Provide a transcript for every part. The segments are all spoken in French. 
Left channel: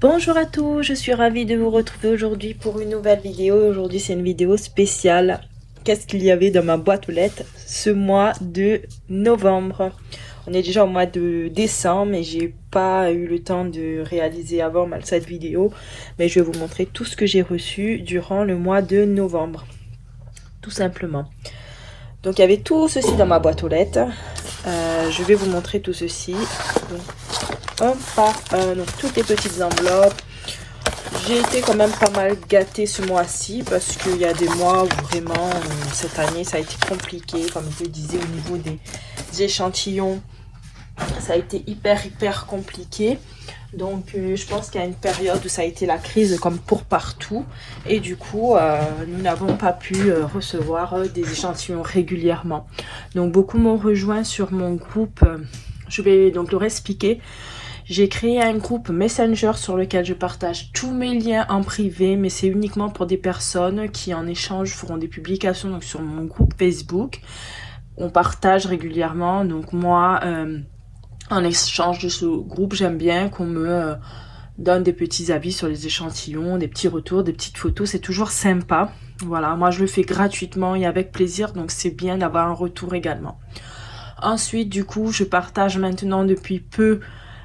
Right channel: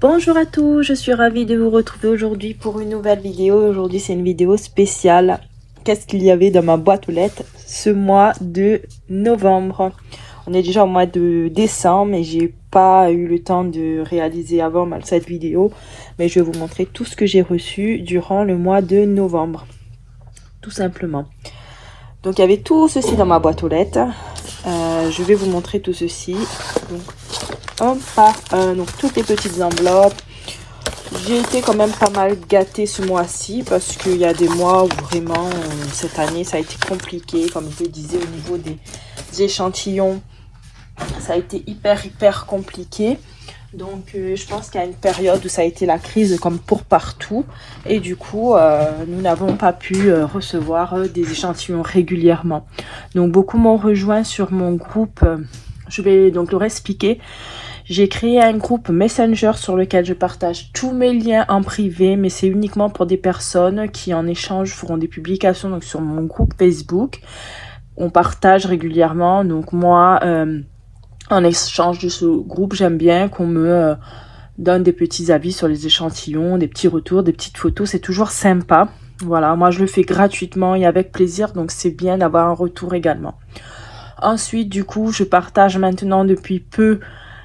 Bonjour à tous, je suis ravie de vous retrouver aujourd'hui pour une nouvelle vidéo. Aujourd'hui c'est une vidéo spéciale. Qu'est-ce qu'il y avait dans ma boîte aux lettres ce mois de novembre? On est déjà au mois de décembre et j'ai pas eu le temps de réaliser avant cette vidéo. Mais je vais vous montrer tout ce que j'ai reçu durant le mois de novembre. Tout simplement. Donc il y avait tout ceci dans ma boîte aux lettres. Je vais vous montrer tout ceci. Donc, un par un, donc toutes les petites enveloppes. J'ai été quand même pas mal gâtée ce mois-ci parce qu'il y a des mois où vraiment cette année ça a été compliqué, comme je le disais, au niveau des échantillons. Ça a été hyper compliqué. Donc je pense qu'il y a une période où ça a été la crise comme pour partout. Et du coup, nous n'avons pas pu recevoir des échantillons régulièrement. Donc beaucoup m'ont rejoint sur mon groupe. Je vais donc leur expliquer. J'ai créé un groupe Messenger sur lequel je partage tous mes liens en privé. Mais c'est uniquement pour des personnes qui en échange feront des publications donc sur mon groupe Facebook. On partage régulièrement. Donc moi... en échange de ce groupe, j'aime bien qu'on me donne des petits avis sur les échantillons, des petits retours, des petites photos. C'est toujours sympa. Voilà, moi je le fais gratuitement et avec plaisir. Donc c'est bien d'avoir un retour également. Ensuite, du coup, je partage maintenant depuis peu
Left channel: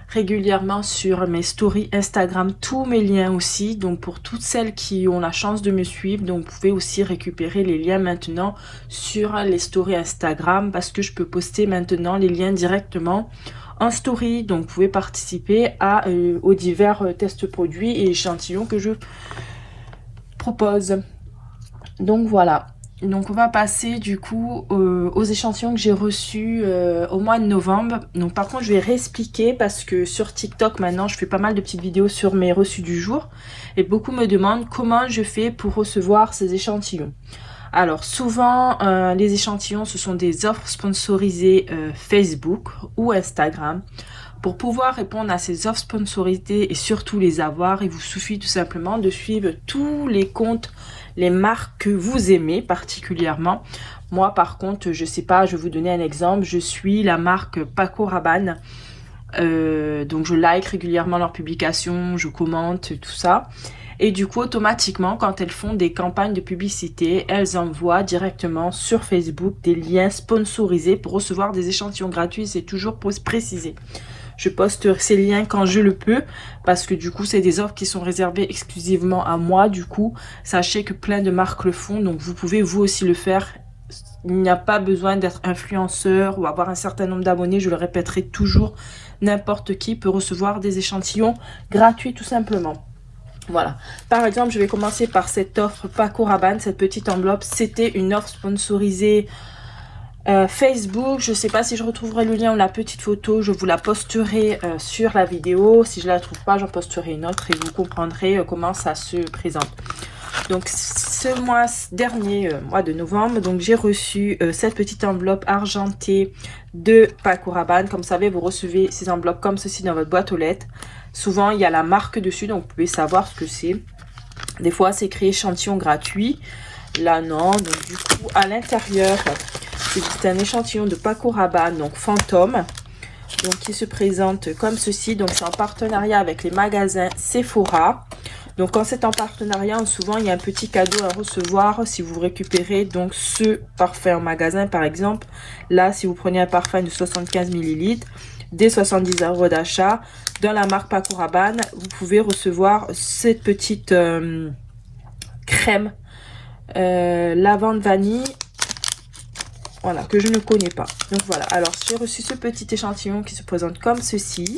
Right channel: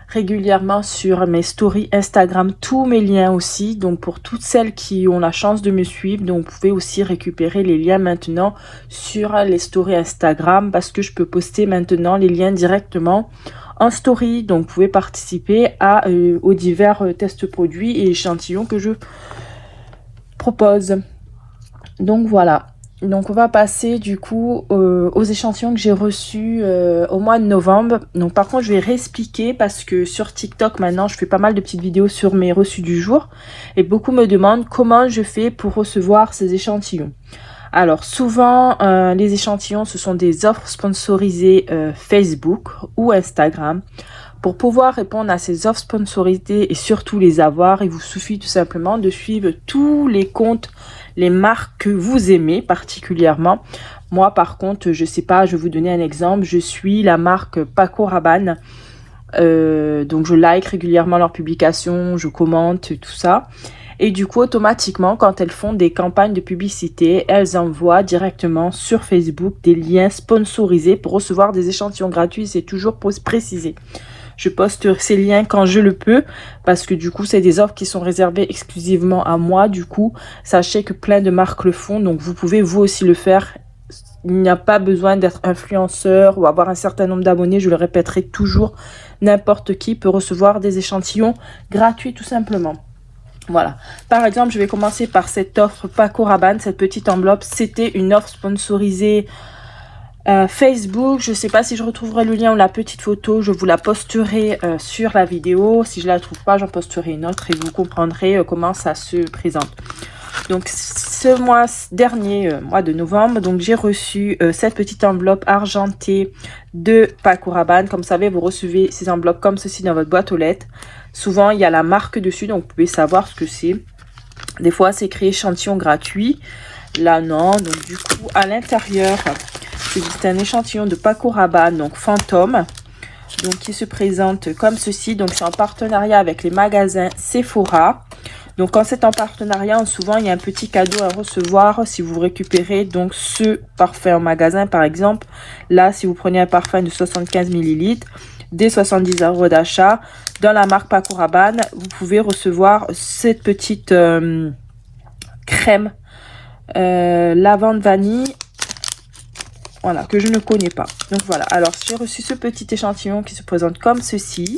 régulièrement sur mes stories Instagram tous mes liens aussi. Donc pour toutes celles qui ont la chance de me suivre, donc vous pouvez aussi récupérer les liens maintenant sur les stories Instagram parce que je peux poster maintenant les liens directement en story. Donc vous pouvez participer aux divers tests produits et échantillons que je propose. Donc voilà. Donc on va passer du coup aux échantillons que j'ai reçus au mois de novembre. Donc par contre je vais réexpliquer parce que sur TikTok maintenant je fais pas mal de petites vidéos sur mes reçus du jour. Et beaucoup me demandent comment je fais pour recevoir ces échantillons. Alors souvent les échantillons ce sont des offres sponsorisées Facebook ou Instagram. Pour pouvoir répondre à ces offres sponsorisées et surtout les avoir, il vous suffit tout simplement de suivre tous les comptes, les marques que vous aimez particulièrement. Moi par contre, je sais pas, je vais vous donner un exemple. Je suis la marque Paco Rabanne. Donc je like régulièrement leurs publications, je commente tout ça. Et du coup, automatiquement, quand elles font des campagnes de publicité, elles envoient directement sur Facebook des liens sponsorisés pour recevoir des échantillons gratuits. C'est toujours précisé. Je poste ces liens quand je le peux parce que du coup, c'est des offres qui sont réservées exclusivement à moi. Du coup, sachez que plein de marques le font. Donc, vous pouvez vous aussi le faire. Il n'y a pas besoin d'être influenceur ou avoir un certain nombre d'abonnés. Je le répéterai toujours. N'importe qui peut recevoir des échantillons gratuits tout simplement. Voilà. Par exemple, je vais commencer par cette offre Paco Rabanne, cette petite enveloppe. C'était une offre sponsorisée Facebook. Je ne sais pas si je retrouverai le lien ou la petite photo. Je vous la posterai sur la vidéo. Si je ne la trouve pas, j'en posterai une autre et vous comprendrez comment ça se présente. Donc, ce mois dernier, mois de novembre, donc j'ai reçu cette petite enveloppe argentée de Paco Rabanne. Comme vous savez, vous recevez ces enveloppes comme ceci dans votre boîte aux lettres. Souvent, il y a la marque dessus, donc vous pouvez savoir ce que c'est. Des fois, c'est écrit échantillon gratuit. Là, non. Donc, du coup, à l'intérieur, c'est un échantillon de Paco Rabanne, donc fantôme. Donc, qui se présente comme ceci. Donc, c'est en partenariat avec les magasins Sephora. Donc, quand c'est en partenariat, souvent, il y a un petit cadeau à recevoir si vous récupérez donc ce parfum en magasin, par exemple. Là, si vous prenez un parfum de 75 ml, dès 70 € d'achat, dans la marque Paco Rabanne, vous pouvez recevoir cette petite crème lavande vanille. Voilà, que je ne connais pas. Donc voilà, alors j'ai reçu ce petit échantillon qui se présente comme ceci.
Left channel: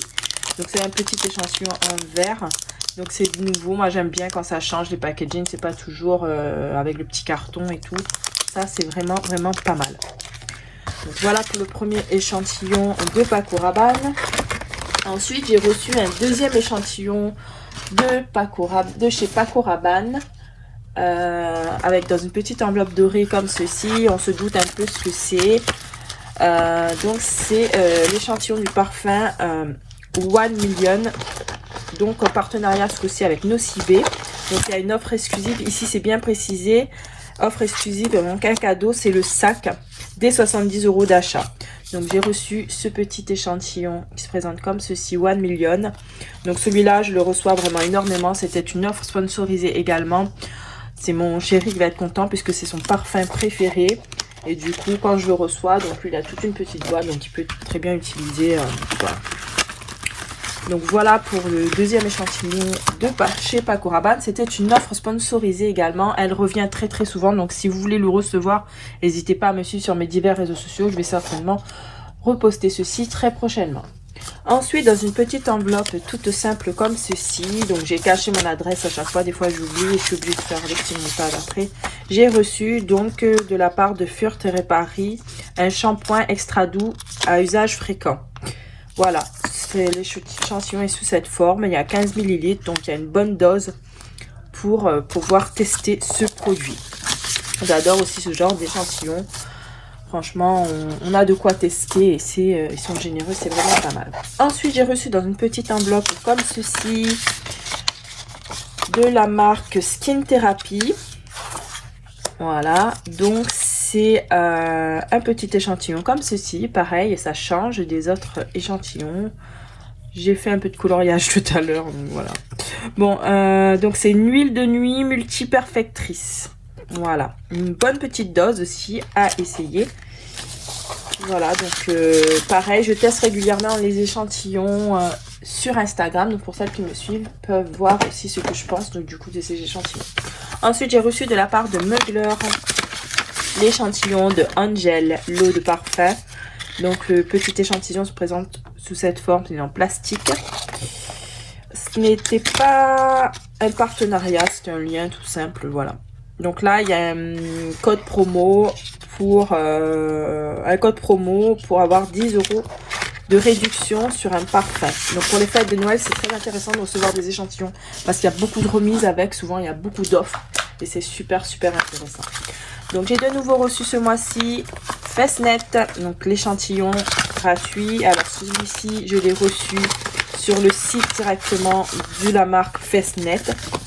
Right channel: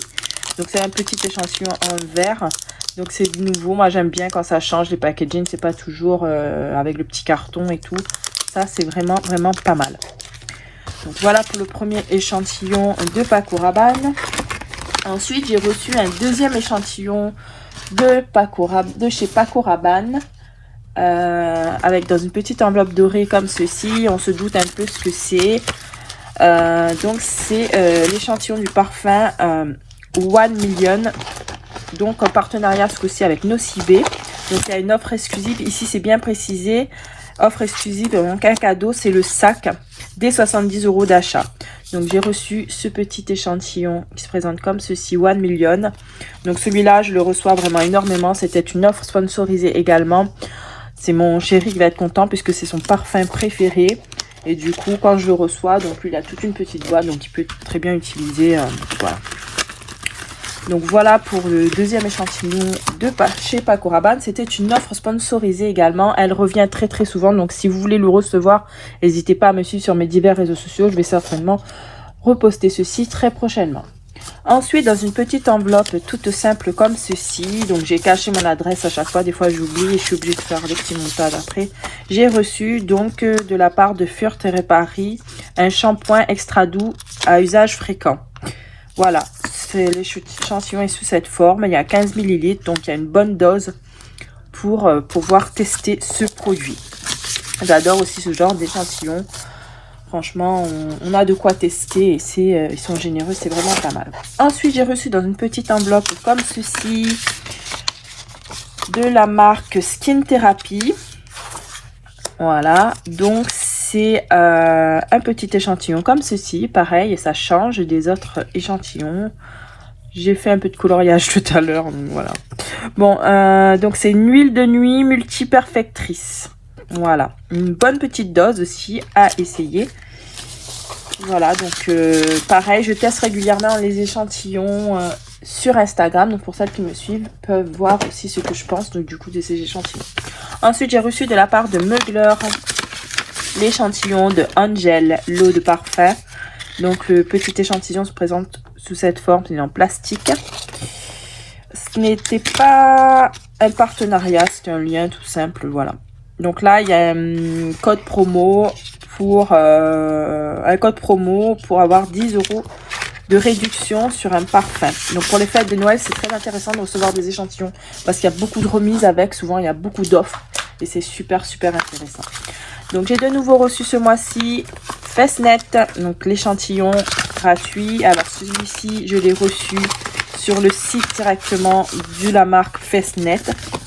Donc c'est un petit échantillon en verre. Donc c'est nouveau, moi j'aime bien quand ça change les packaging, c'est pas toujours avec le petit carton et tout. Ça c'est vraiment pas mal. Donc voilà pour le premier échantillon de Paco Rabanne. Ensuite j'ai reçu un deuxième échantillon de chez Paco Rabanne. Avec dans une petite enveloppe dorée comme ceci. On se doute un peu ce que c'est. Donc c'est l'échantillon du parfum One Million. Donc en partenariat ce coup-ci avec Nocibé. Donc il y a une offre exclusive. Ici c'est bien précisé. Offre exclusive, donc un cadeau, c'est le sac des 70 € d'achat. Donc j'ai reçu ce petit échantillon qui se présente comme ceci, 1 million. Donc celui-là, je le reçois vraiment énormément. C'était une offre sponsorisée également. C'est mon chéri qui va être content puisque c'est son parfum préféré. Et du coup, quand je le reçois, donc lui, il a toute une petite boîte, donc il peut très bien utiliser. Voilà. Donc voilà pour le deuxième échantillon de chez Paco Rabanne. C'était une offre sponsorisée également. Elle revient très très souvent. Donc si vous voulez le recevoir, n'hésitez pas à me suivre sur mes divers réseaux sociaux. Je vais certainement reposter ceci très prochainement. Ensuite, dans une petite enveloppe toute simple comme ceci, donc j'ai caché mon adresse à chaque fois, des fois j'oublie et je suis obligée de faire des petits montages après. J'ai reçu donc de la part de Furt et Paris un shampoing extra doux à usage fréquent. Voilà, l'échantillon est sous cette forme, il y a 15 ml, donc il y a une bonne dose pour pouvoir tester ce produit. J'adore aussi ce genre d'échantillon. Franchement, on a de quoi tester et ils sont généreux, c'est vraiment pas mal. Ensuite, j'ai reçu dans une petite enveloppe comme ceci de la marque Skin Therapy. Voilà, donc c'est un petit échantillon comme ceci, pareil, ça change des autres échantillons. J'ai fait un peu de coloriage tout à l'heure, voilà. Bon, donc c'est une huile de nuit multi-perfectrice. Voilà, une bonne petite dose aussi à essayer. Voilà, donc pareil, je teste régulièrement les échantillons sur Instagram. Donc pour celles qui me suivent, peuvent voir aussi ce que je pense donc du coup de ces échantillons. Ensuite, j'ai reçu de la part de Mugler l'échantillon de Angel, l'eau de parfum. Donc le petit échantillon se présente sous cette forme, il est en plastique. Ce n'était pas un partenariat, c'était un lien tout simple, voilà. Donc là, il y a un code promo pour avoir 10 € de réduction sur un parfum. Donc pour les fêtes de Noël, c'est très intéressant de recevoir des échantillons parce qu'il y a beaucoup de remises avec, souvent il y a beaucoup d'offres et c'est super intéressant. Donc j'ai de nouveau reçu ce mois-ci Fessnet, donc l'échantillon gratuit. Alors celui-ci, je l'ai reçu sur le site directement de la marque Fessnet.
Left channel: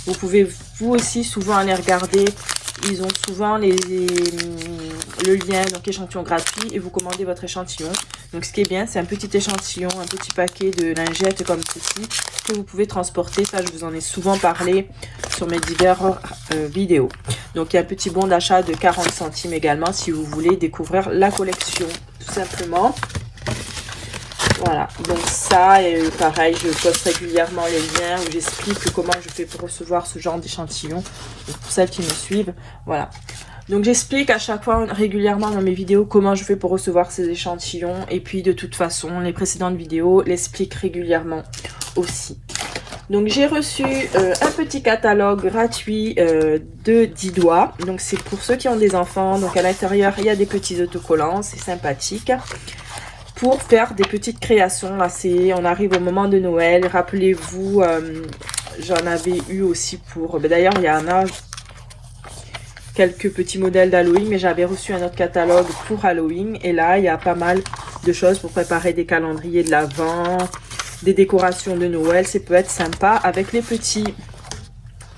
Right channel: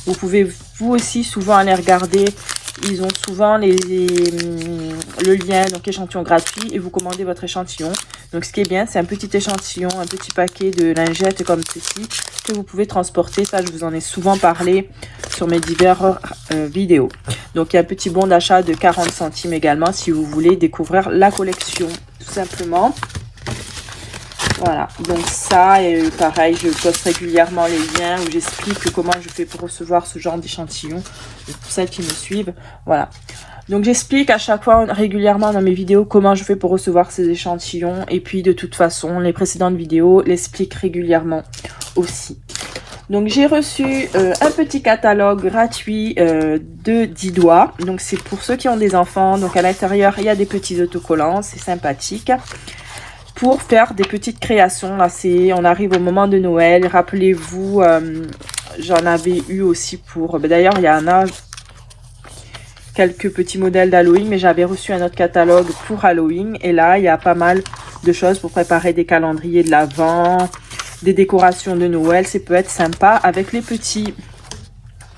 Vous pouvez vous aussi souvent aller regarder. Ils ont souvent le lien, donc échantillon gratuit, et vous commandez votre échantillon. Donc ce qui est bien, c'est un petit échantillon, un petit paquet de lingettes comme ceci que vous pouvez transporter. Ça, je vous en ai souvent parlé sur mes diverses vidéos. Donc il y a un petit bon d'achat de 40 centimes également si vous voulez découvrir la collection, tout simplement. Voilà, donc ça, et pareil, je poste régulièrement les liens où j'explique comment je fais pour recevoir ce genre d'échantillon. Pour celles qui me suivent, voilà. Donc j'explique à chaque fois régulièrement dans mes vidéos comment je fais pour recevoir ces échantillons. Et puis de toute façon, les précédentes vidéos l'expliquent régulièrement aussi. Donc j'ai reçu un petit catalogue gratuit de 10 doigts. Donc c'est pour ceux qui ont des enfants. Donc à l'intérieur, il y a des petits autocollants, c'est sympathique. Pour faire des petites créations, là on arrive au moment de Noël, rappelez-vous, j'en avais eu aussi pour, d'ailleurs il y en a quelques petits modèles d'Halloween, mais j'avais reçu un autre catalogue pour Halloween, et là il y a pas mal de choses pour préparer des calendriers de l'Avent, des décorations de Noël, ça peut être sympa avec les petits,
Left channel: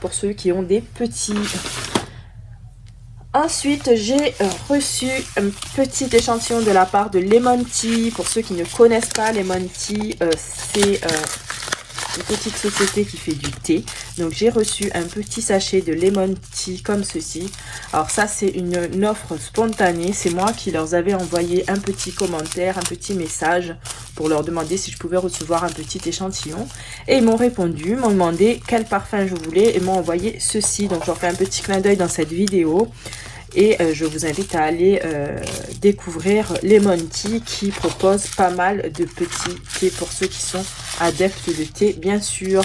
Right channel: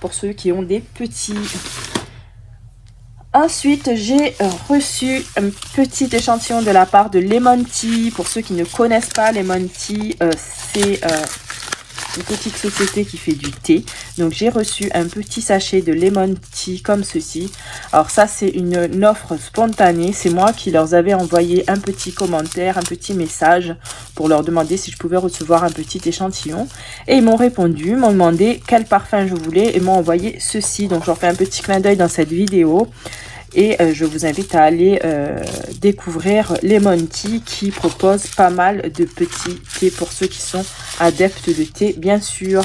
pour ceux qui ont des petits. Ensuite, j'ai reçu un petit échantillon de la part de Lemon Tea. Pour ceux qui ne connaissent pas, Lemon Tea, c'est une petite société qui fait du thé. Donc, j'ai reçu un petit sachet de Lemon Tea comme ceci. Alors, ça, c'est une offre spontanée. C'est moi qui leur avais envoyé un petit commentaire, un petit message pour leur demander si je pouvais recevoir un petit échantillon. Et ils m'ont répondu, m'ont demandé quel parfum je voulais et m'ont envoyé ceci. Donc, j'en fais un petit clin d'œil dans cette vidéo. Et je vous invite à aller découvrir Lemon Tea qui propose pas mal de petits thés pour ceux qui sont adeptes de thé, bien sûr.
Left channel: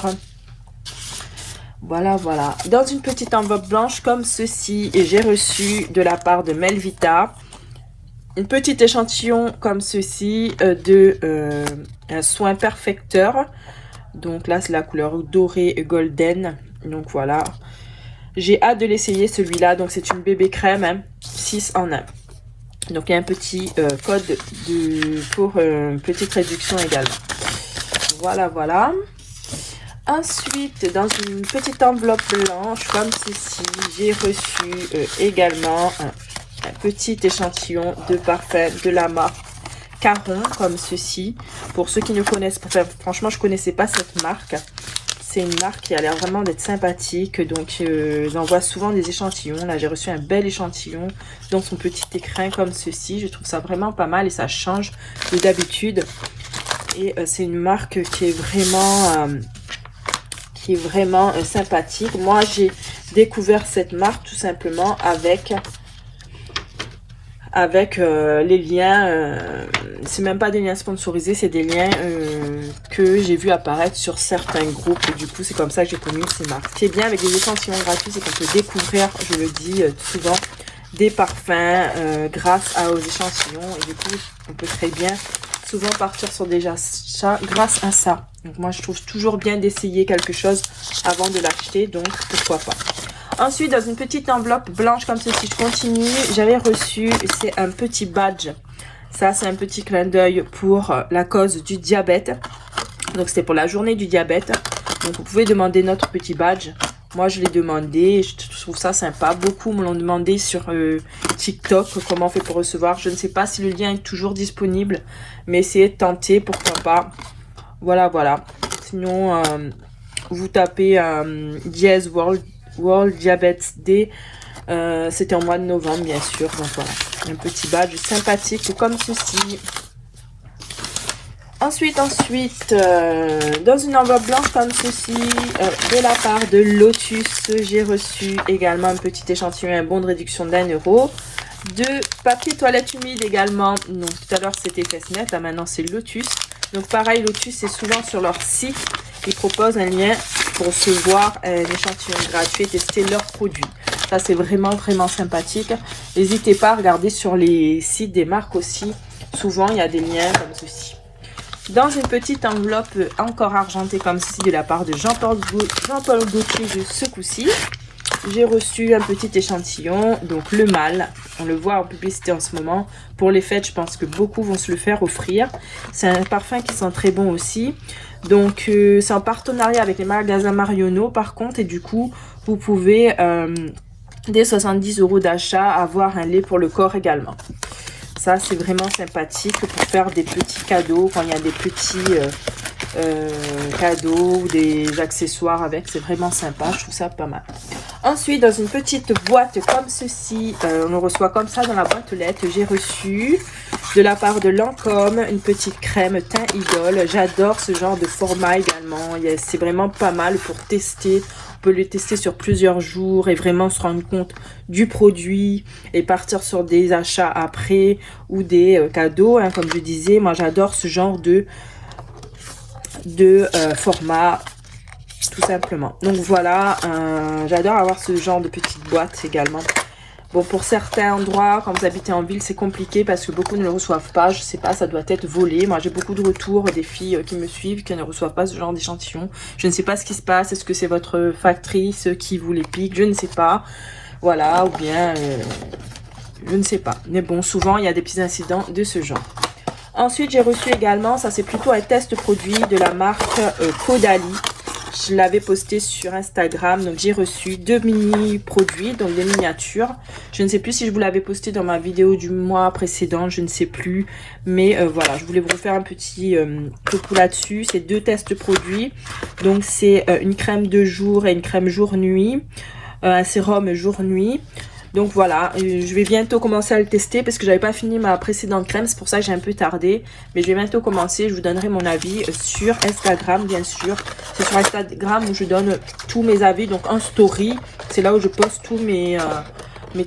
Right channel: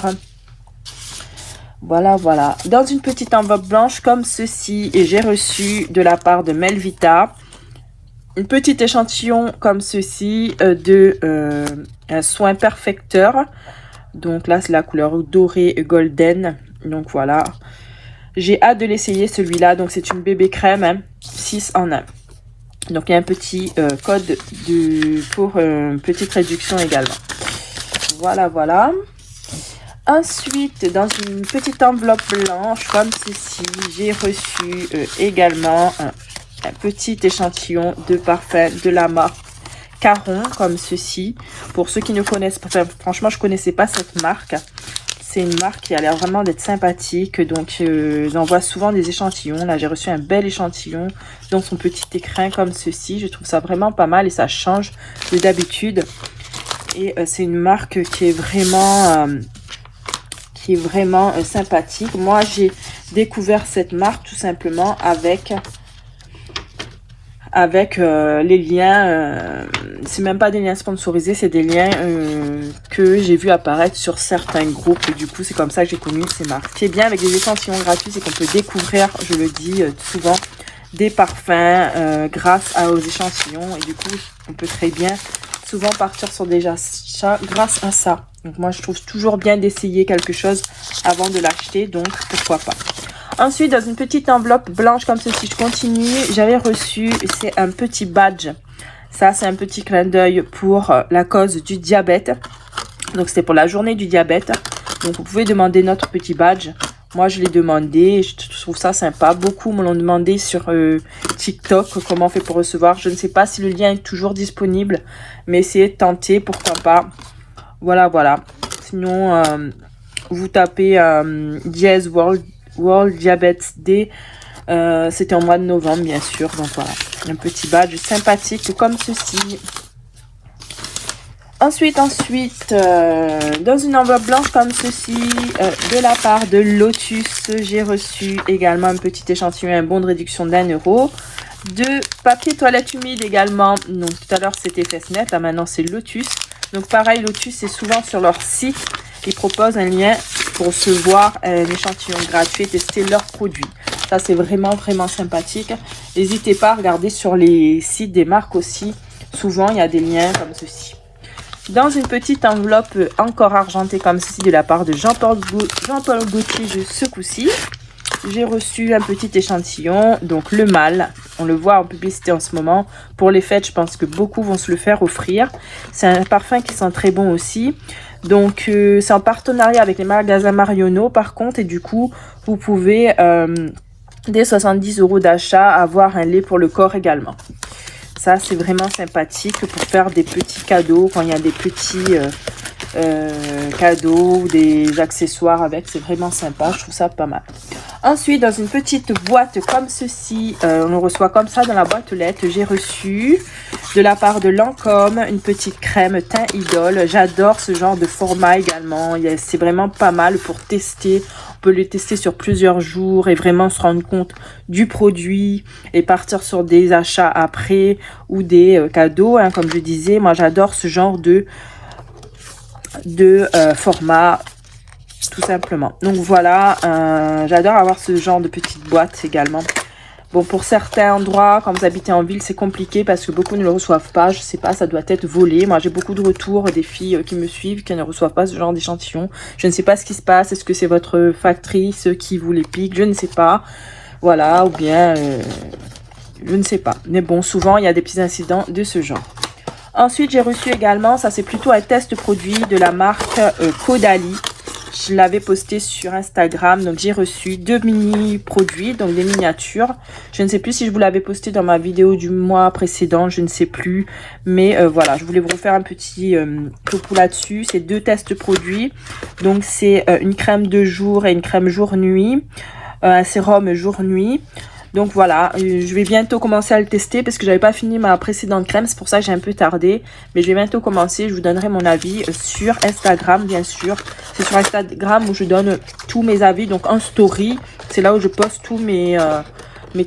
Voilà, voilà. Dans une petite enveloppe blanche comme ceci, et j'ai reçu de la part de Melvita une petite échantillon comme ceci de un soin perfecteur. Donc là, c'est la couleur dorée golden. Donc voilà. J'ai hâte de l'essayer celui-là. Donc c'est une bébé crème, hein, 6 en 1. Donc il y a un petit code pour une petite réduction également. Voilà, voilà. Ensuite, dans une petite enveloppe blanche comme ceci, j'ai reçu également un petit échantillon de parfum de la marque Caron comme ceci. Pour ceux qui ne connaissent pas, enfin, franchement je connaissais pas cette marque. C'est une marque qui a l'air vraiment d'être sympathique. Donc j'envoie souvent des échantillons. Là j'ai reçu un bel échantillon dans son petit écrin comme ceci. Je trouve ça vraiment pas mal et ça change de d'habitude. Et c'est une marque qui est vraiment sympathique. Moi j'ai découvert cette marque tout simplement avec les liens, c'est même pas des liens sponsorisés, c'est des liens que j'ai vu apparaître sur certains groupes. Et du coup, c'est comme ça que j'ai connu ces marques. Ce qui est bien avec les échantillons gratuits, c'est qu'on peut découvrir, je le dis souvent, des parfums grâce aux échantillons. Et du coup, on peut très bien souvent partir sur des achats grâce à ça. Donc moi, je trouve toujours bien d'essayer quelque chose avant de l'acheter, donc pourquoi pas. Ensuite, dans une petite enveloppe blanche comme ceci, je continue, j'avais reçu, c'est un petit badge. Ça, c'est un petit clin d'œil pour la cause du diabète. Donc, c'est pour la journée du diabète. Donc, vous pouvez demander notre petit badge. Moi, je l'ai demandé, je trouve ça sympa. Beaucoup me l'ont demandé sur TikTok, comment on fait pour recevoir. Je ne sais pas si le lien est toujours disponible, mais essayez de tenter, pourquoi pas. Voilà, voilà. Sinon, vous tapez Diaz World Diabetes Day, c'était en mois de novembre bien sûr. Donc voilà, un petit badge sympathique comme ceci. Ensuite, dans une enveloppe blanche comme ceci, de la part de Lotus, j'ai reçu également un petit échantillon, un bon de réduction d'1 €. De papier toilette humide également. Donc tout à l'heure c'était Fessnet, maintenant c'est Lotus. Donc pareil, Lotus, c'est souvent sur leur site. Ils proposent un lien pour recevoir un échantillon gratuit et tester leurs produits. Ça, c'est vraiment sympathique. N'hésitez pas à regarder sur les sites des marques aussi. Souvent, il y a des liens comme ceci. Dans une petite enveloppe encore argentée comme ceci de la part de Jean-Paul Gaultier, ce coup-ci, j'ai reçu un petit échantillon. Donc, le mâle, on le voit en publicité en ce moment. Pour les fêtes, je pense que beaucoup vont se le faire offrir. C'est un parfum qui sent très bon aussi. Donc, c'est en partenariat avec les magasins Marionneau, par contre. Et du coup, vous pouvez, dès 70 € d'achat, avoir un lait pour le corps également. Ça, c'est vraiment sympathique pour faire des petits cadeaux. Quand il y a des petits cadeaux ou des accessoires avec, c'est vraiment sympa. Je trouve ça pas mal. Ensuite, dans une petite boîte comme ceci, on le reçoit comme ça dans la boîte aux lettres. J'ai reçu de la part de Lancôme une petite crème teint idole. J'adore ce genre de format également. C'est vraiment pas mal pour tester. On peut le tester sur plusieurs jours et vraiment se rendre compte du produit et partir sur des achats après ou des cadeaux. Hein, comme je disais, moi j'adore ce genre de format, tout simplement. Donc voilà, j'adore avoir ce genre de petite boîte également. Bon, pour certains endroits, quand vous habitez en ville, c'est compliqué parce que beaucoup ne le reçoivent pas. Je sais pas, ça doit être volé. Moi, j'ai beaucoup de retours des filles qui me suivent, qui ne reçoivent pas ce genre d'échantillon. Je ne sais pas ce qui se passe. Est-ce que c'est votre factrice qui vous les pique? Je ne sais pas. Voilà, ou bien, je ne sais pas. Mais bon, souvent, il y a des petits incidents de ce genre. Ensuite, j'ai reçu également, ça c'est plutôt un test produit de la marque Caudalie. Je l'avais posté sur Instagram, donc j'ai reçu 2 mini produits, donc des miniatures. Je ne sais plus si je vous l'avais posté dans ma vidéo du mois précédent, je ne sais plus. Mais voilà, je voulais vous refaire un petit topo là-dessus. C'est 2 tests produits. Donc c'est une crème de jour et une crème jour-nuit. Un sérum jour-nuit. Donc voilà, je vais bientôt commencer à le tester parce que j'avais pas fini ma précédente crème. C'est pour ça que j'ai un peu tardé. Mais je vais bientôt commencer. Je vous donnerai mon avis sur Instagram, bien sûr. C'est sur Instagram où je donne tous mes avis. Donc en story, c'est là où je poste tous mes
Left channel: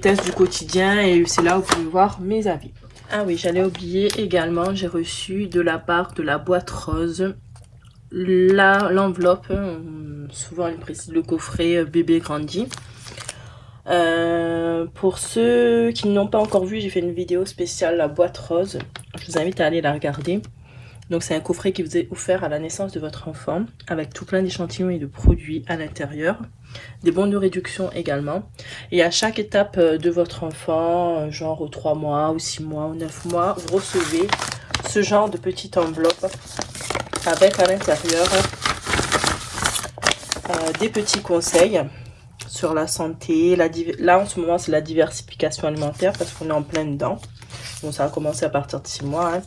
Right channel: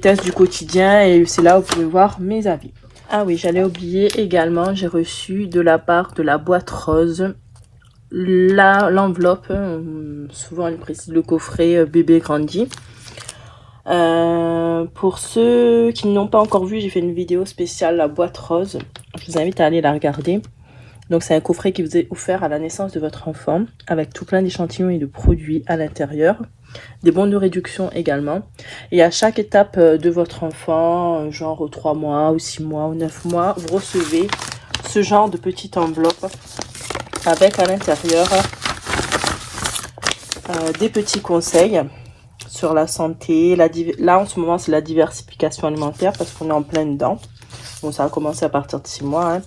tests du quotidien. Et c'est là où vous pouvez voir mes avis. Ah oui, j'allais oublier également. J'ai reçu de la part de la boîte rose l'enveloppe. Souvent elle précise le coffret bébé grandi. Pour ceux qui n'ont pas encore vu, j'ai fait une vidéo spéciale la boîte rose. Je vous invite à aller la regarder. Donc c'est un coffret qui vous est offert à la naissance de votre enfant avec tout plein d'échantillons et de produits à l'intérieur. Des bons de réduction également. Et à chaque étape de votre enfant, genre 3 mois ou 6 mois ou 9 mois, vous recevez ce genre de petite enveloppe avec à l'intérieur des petits conseils sur la santé. Là en ce moment c'est la diversification alimentaire parce qu'on est en plein dedans. Bon, ça a commencé à partir de 6 mois. Hein.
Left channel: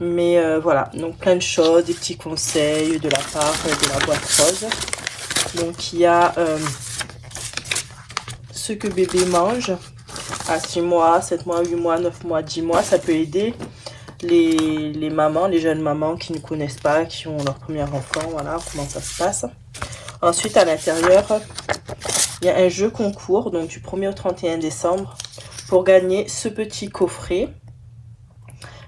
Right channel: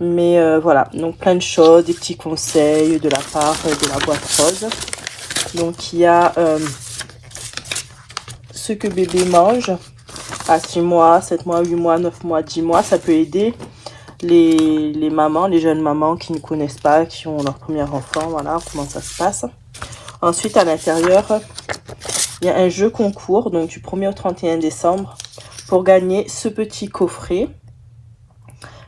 Mais voilà, donc plein de choses, des petits conseils de la part de la boîte rose. Donc il y a ce que bébé mange à 6 mois, 7 mois, 8 mois, 9 mois, 10 mois. Ça peut aider les mamans, les jeunes mamans qui ne connaissent pas, qui ont leur premier enfant. Voilà comment ça se passe. Ensuite, à l'intérieur, il y a un jeu concours, donc du 1er au 31 décembre, pour gagner ce petit coffret.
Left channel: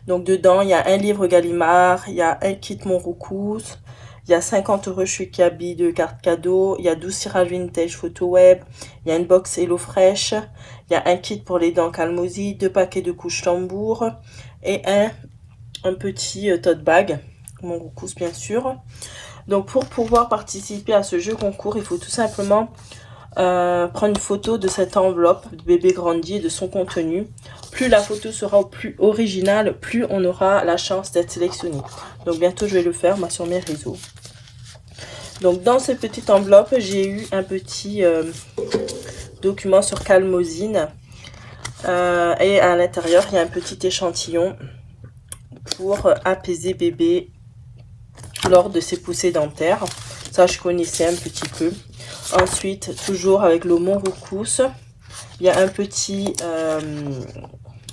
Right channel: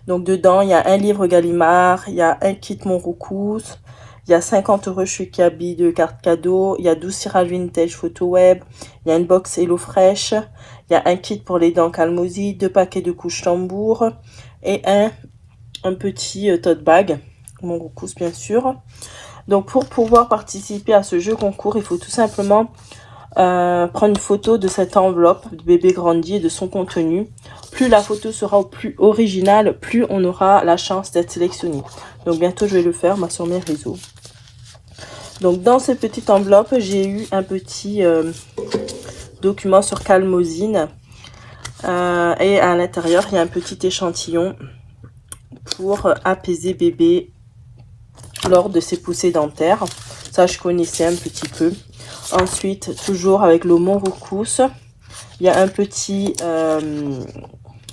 Donc dedans, il y a un livre Gallimard, il y a un kit Monroucous, il y a 50 € chez Kaby de cartes cadeaux, il y a 12 tirages vintage photo web, il y a une box HelloFresh, il y a un kit pour les dents Calmosi, 2 paquets de couches tambour et un petit tote bag, Monroucous bien sûr. Donc pour pouvoir participer à ce jeu concours, il faut tout simplement prendre une photo de cette enveloppe de bébé grandi et de son contenu. Plus la photo sera plus originale, plus on aura la chance d'être sélectionné. Donc bientôt je vais le faire sur mes réseaux. Donc dans cette petite enveloppe, j'ai eu un petit document sur Calmosine. Et à l'intérieur, il y a un petit échantillon pour apaiser bébé lors de ses poussées dentaires. Ça, je connaissais un petit peu. Ensuite, toujours avec le Monroucous, il y a un petit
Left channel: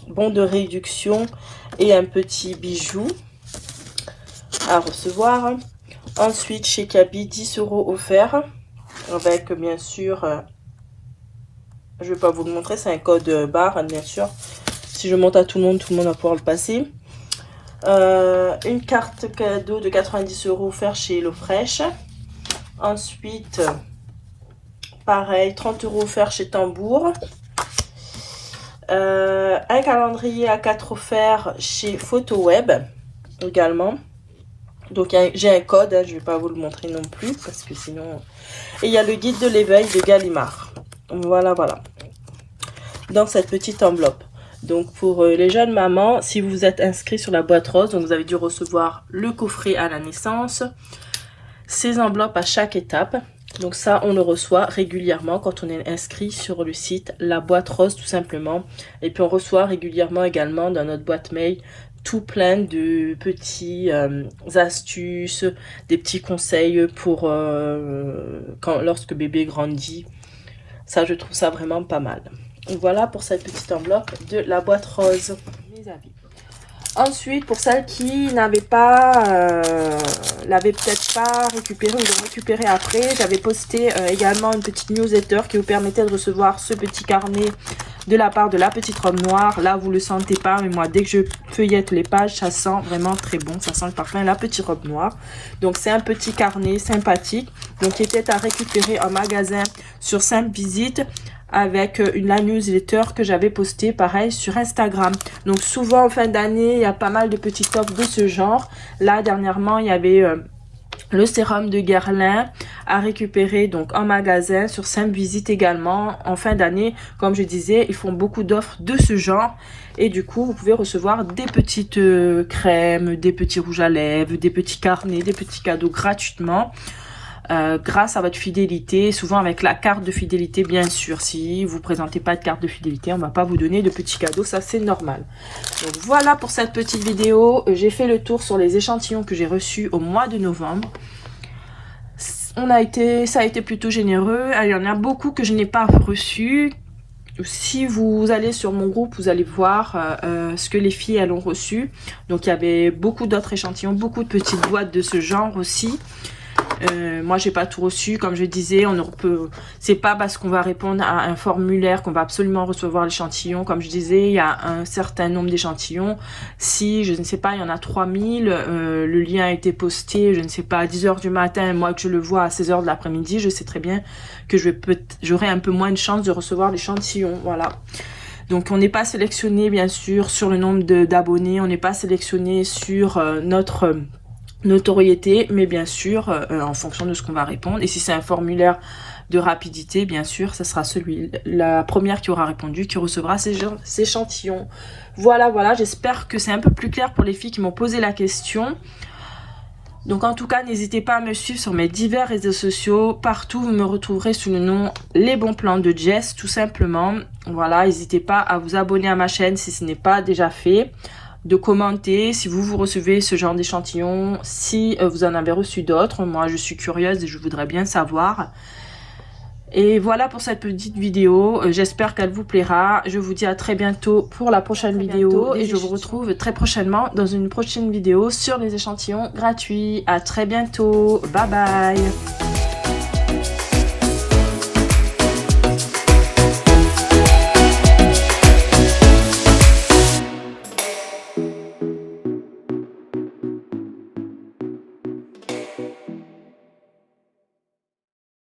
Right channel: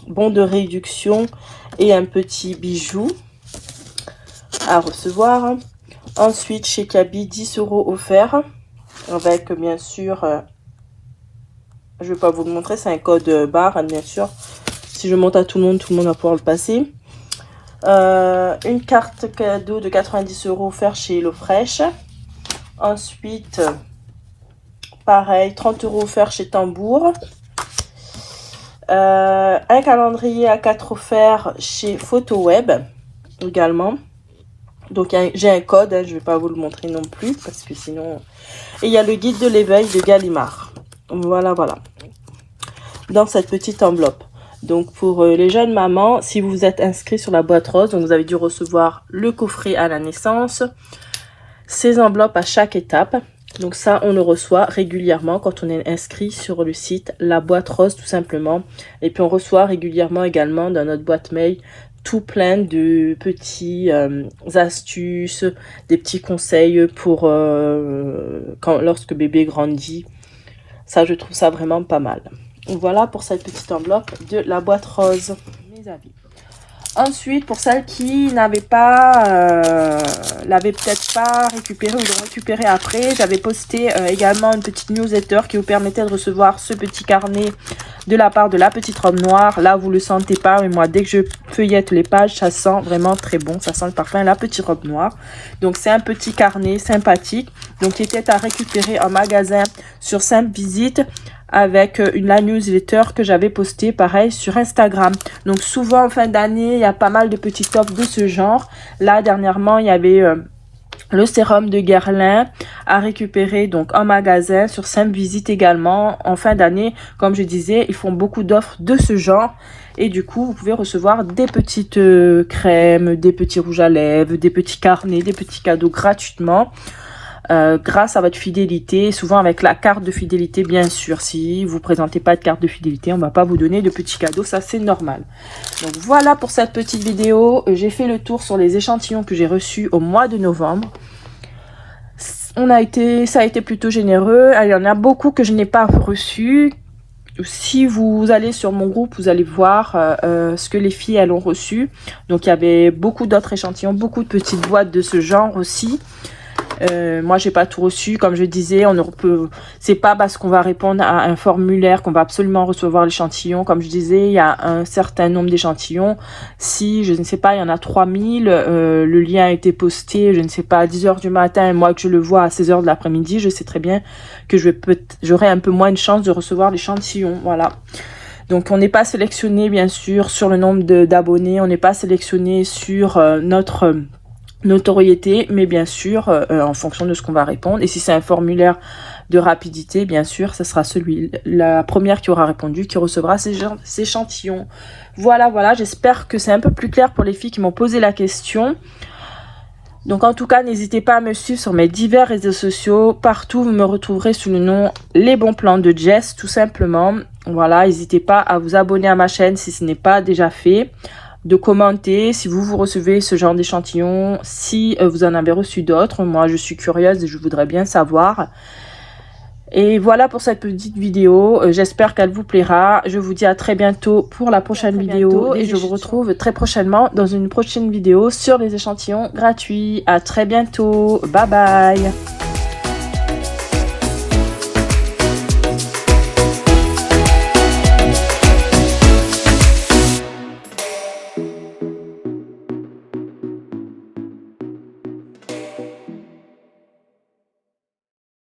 bon de réduction et un petit bijou à recevoir. Ensuite, chez Kaby, 10 € offerts avec bien sûr, je ne vais pas vous le montrer, c'est un code barre bien sûr. Si je monte à tout le monde va pouvoir le passer. Une carte cadeau de 90 € offert chez HelloFresh. Ensuite, pareil, 30 € offert chez Tambour. Un calendrier A4 offert chez PhotoWeb également. Donc j'ai un code, je ne vais pas vous le montrer non plus parce que sinon... Et il y a le guide de l'éveil de Gallimard. Voilà. Dans cette petite enveloppe. Donc pour les jeunes mamans, si vous vous êtes inscrit sur la boîte rose, donc vous avez dû recevoir le coffret à la naissance, ces enveloppes à chaque étape. Donc ça, on le reçoit régulièrement quand on est inscrit sur le site La Boîte Rose tout simplement. Et puis on reçoit régulièrement également dans notre boîte mail tout plein de petits astuces, des petits conseils pour lorsque bébé grandit. Ça, je trouve ça vraiment pas mal. Voilà pour cette petite enveloppe de La Boîte Rose. Mes avis. Ensuite, pour celles qui l'avaient peut-être pas récupéré ou de récupérer après, j'avais posté également une petite newsletter qui vous permettait de recevoir ce petit carnet de la part de La Petite Robe Noire. Là, vous le sentez pas, mais moi, dès que je feuillette les pages, ça sent vraiment très bon. Ça sent le parfum La Petite Robe Noire. Donc, c'est un petit carnet sympathique, donc qui était à récupérer en magasin sur Simple Visite, avec la newsletter que j'avais postée pareil sur Instagram. Donc souvent en fin d'année, il y a pas mal de petites offres de ce genre. Là dernièrement, il y avait le sérum de Guerlain à récupérer donc en magasin sur Simple Visite également. En fin d'année, comme je disais, ils font beaucoup d'offres de ce genre. Et du coup, vous pouvez recevoir des petites crèmes, des petits rouges à lèvres, des petits carnets, des petits cadeaux gratuitement. Grâce à votre fidélité, souvent avec la carte de fidélité bien sûr. Si vous ne présentez pas de carte de fidélité, on ne va pas vous donner de petits cadeaux, ça c'est normal. Donc voilà pour cette petite vidéo, j'ai fait le tour sur les échantillons que j'ai reçus au mois de novembre. Ça a été plutôt généreux, il y en a beaucoup que je n'ai pas reçus. Si vous allez sur mon groupe, vous allez voir ce que les filles elles ont reçu. Donc il y avait beaucoup d'autres échantillons, beaucoup de petites boîtes de ce genre aussi. Moi j'ai pas tout reçu, comme je disais, c'est pas parce qu'on va répondre à un formulaire qu'on va absolument recevoir l'échantillon. Comme je disais, il y a un certain nombre d'échantillons. Si je ne sais pas, il y en a 3000, le lien a été posté, je ne sais pas, à 10 h du matin, et moi que je le vois à 16 h de l'après-midi, je sais très bien que j'aurai un peu moins de chance de recevoir l'échantillon. Voilà. Donc on n'est pas sélectionné bien sûr sur le nombre d'abonnés, on n'est pas sélectionné sur notre notoriété, mais bien sûr en fonction de ce qu'on va répondre. Et si c'est un formulaire de rapidité, bien sûr ce sera la première qui aura répondu qui recevra ces échantillons. Voilà, j'espère que c'est un peu plus clair pour les filles qui m'ont posé la question. Donc en tout cas, n'hésitez pas à me suivre sur mes divers réseaux sociaux. Partout, vous me retrouverez sous le nom Les Bons Plans de Jess, tout simplement. Voilà, n'hésitez pas à vous abonner à ma chaîne si ce n'est pas déjà fait. de commenter si vous recevez ce genre d'échantillon, si vous en avez reçu d'autres. Moi, je suis curieuse et je voudrais bien savoir. Et voilà pour cette petite vidéo, j'espère qu'elle vous plaira. Je vous dis à très bientôt pour la prochaine vidéo et je vous retrouve très prochainement dans une prochaine vidéo sur les échantillons gratuits. À très bientôt, bye bye.